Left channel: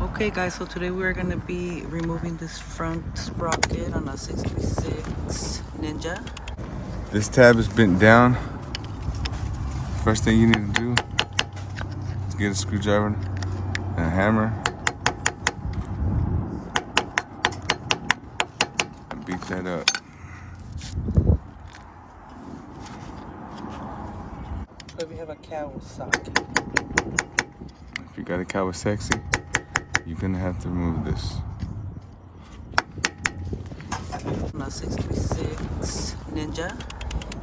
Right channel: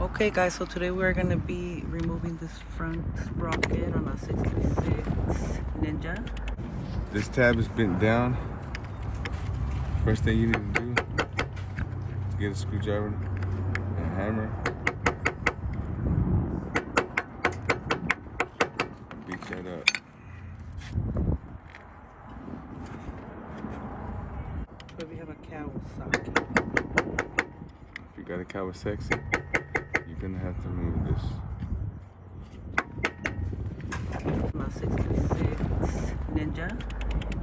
Okay guys, so today we're gonna be removing this front sprocket on a 636 Ninja. This tab is bent down. First thing you need to do is get a screwdriver and a hammer and beat that up. So we have a Kawasaki. If you got a Kawasaki, you're gonna have to remove this. On a 636 Ninja,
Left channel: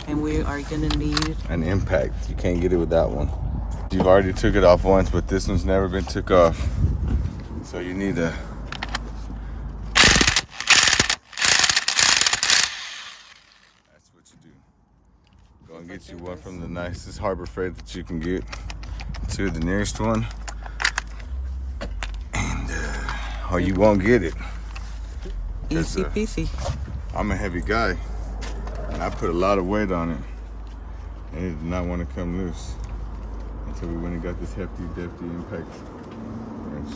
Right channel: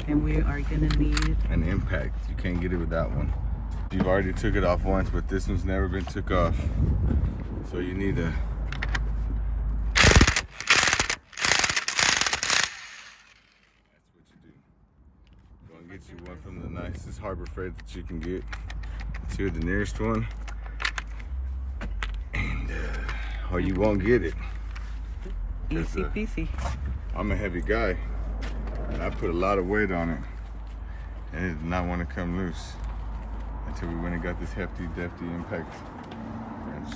and we are gonna need An impact. You can't get it with that one. You've already took it off once, but this one's never been took off. So you need to go and get you one from the nicest Harbor Freight that you can get to the nearest one. And or you won't get it. easy peasy. I'm a heavy guy, and I put a lot of weight on it, and it did not want to come loose until we went and got this hefty, defty impact wrench.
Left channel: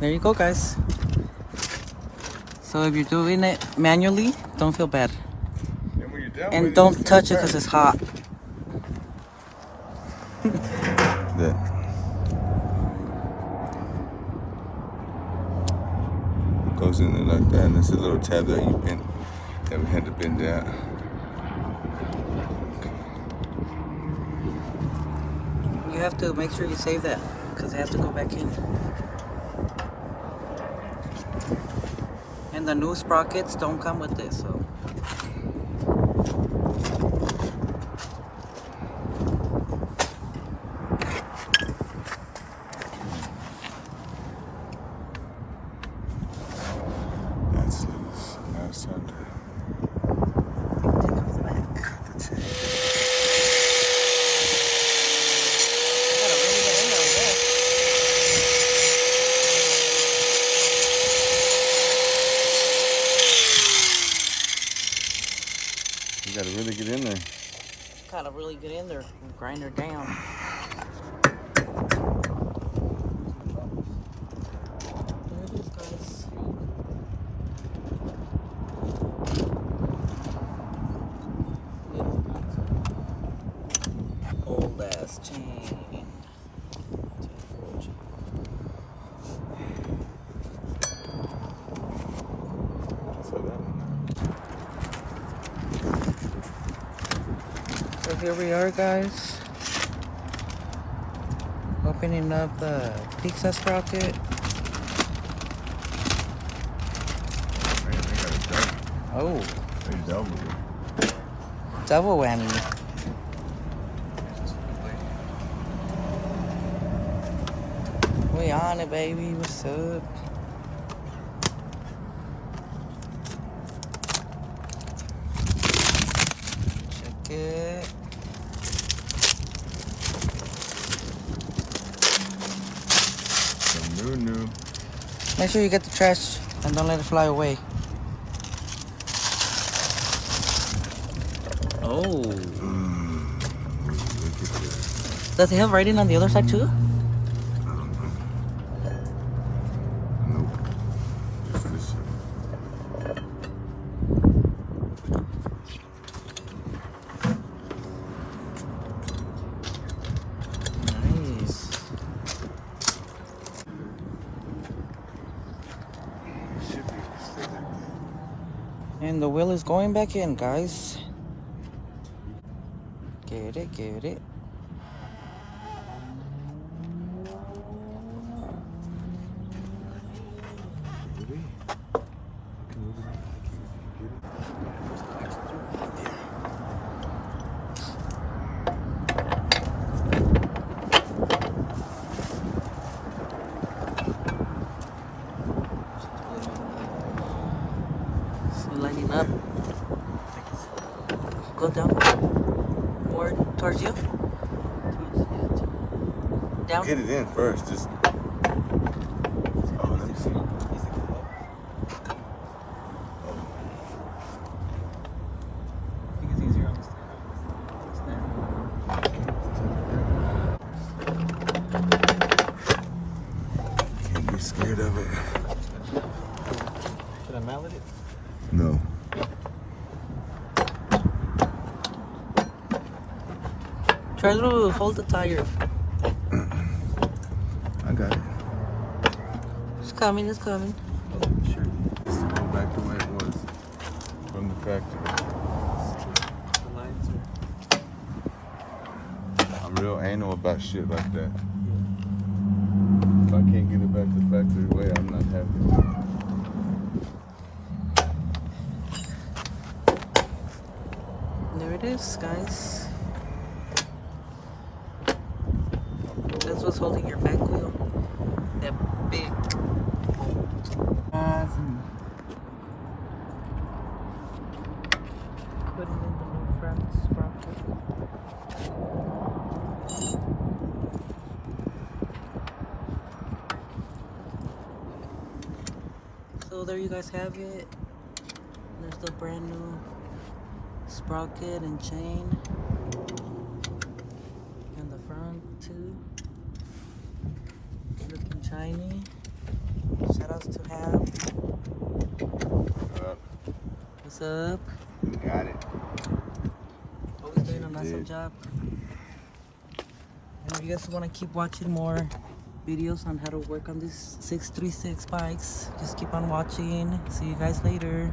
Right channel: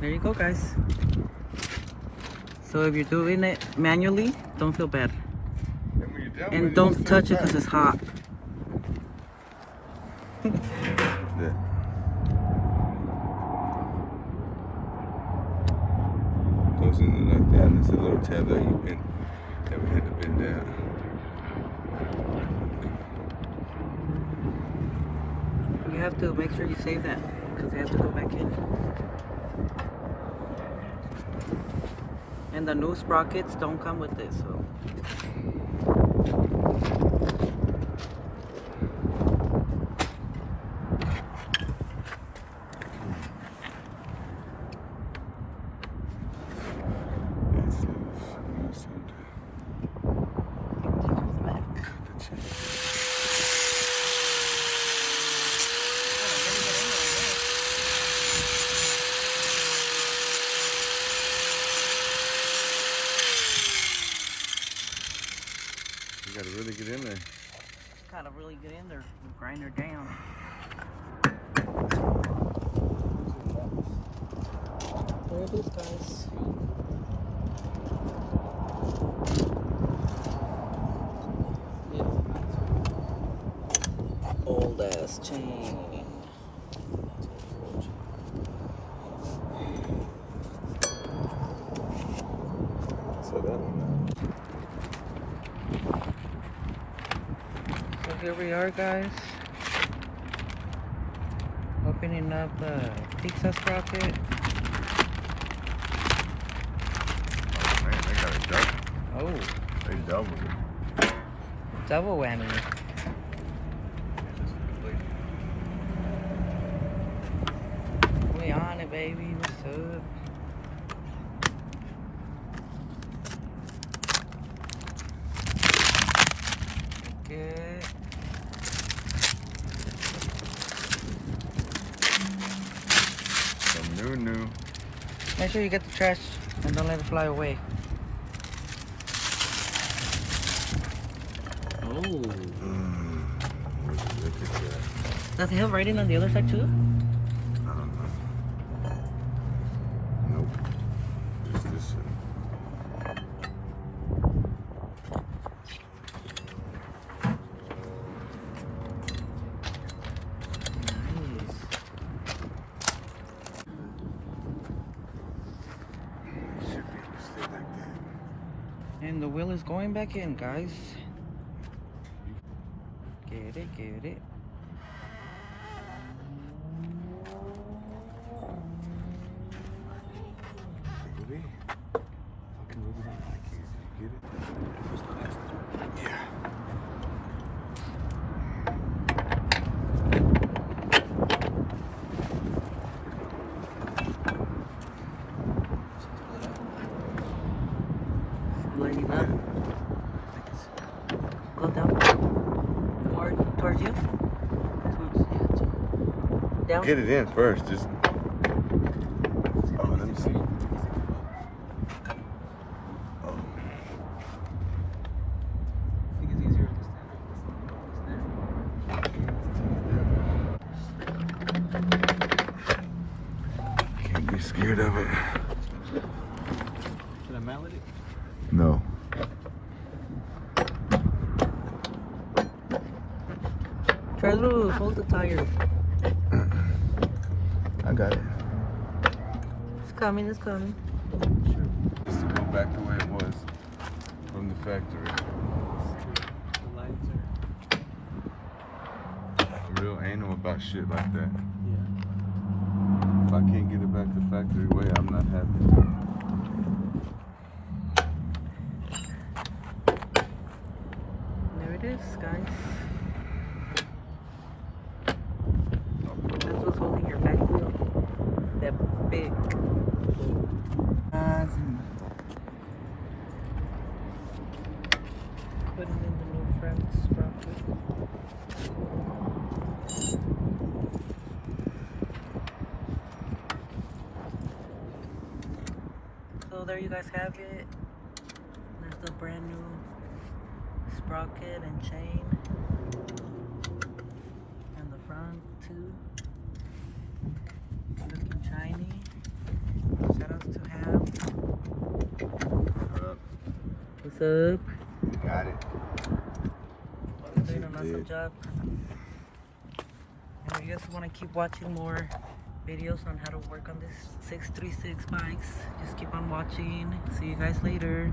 There you go guys. So if you're doing it manually, don't feel bad. And when you're done with And it, don't just touch it take because back. it's hot. That. Goes in there like that, and it's a little tab that we had to bend down. You have to make sure you save that because it has to go back in. And the new sprockets don't come with this, so. That's loose. That's under. Take off the back. The chain. You gotta really get in there, I guess. You gotta really get in there. Gotta really get in there and grind her down. There it is, guys. Old ass chain. So that one. So here we are, guys. Opening up the pizza sprocket. Man, they got it done. Oh, They doubled it. double whammy. We on it, baby. What's up? Check it. Some new. Make sure you get the trash and don't let it fly away. Oh. Look at that. Does it have writing on the other side too? I don't know. Nope. What's this shit? Nice. Should be still like that. And the wheel is going back in, guys. Get it, get it. Baby. Fucking moving it like you get it. Yeah. Still lighting up. Go down. More towards you. Down. Get it in first. Just. Oh, let me see. be scared of it. Should I mallet it? No. Try to hold the tire. I got it. It's coming, it's coming. Sure. Just to go back the way it was from the factory. The lines are... I'm real anal about shit like that. If I can't get it back the factory way, I'm not happy. There it is, guys. That's what's holding your back wheel. That big bolt. Putting in the new front sprocket. So there you guys have it. There's the brand new sprocket and chain. And the front too. Looking shiny. Shout outs to Hab. What's up? Got it. Always doing an awesome job. And if you guys want to keep watching more videos on how to work on these 636 bikes, just keep on watching. See you guys later.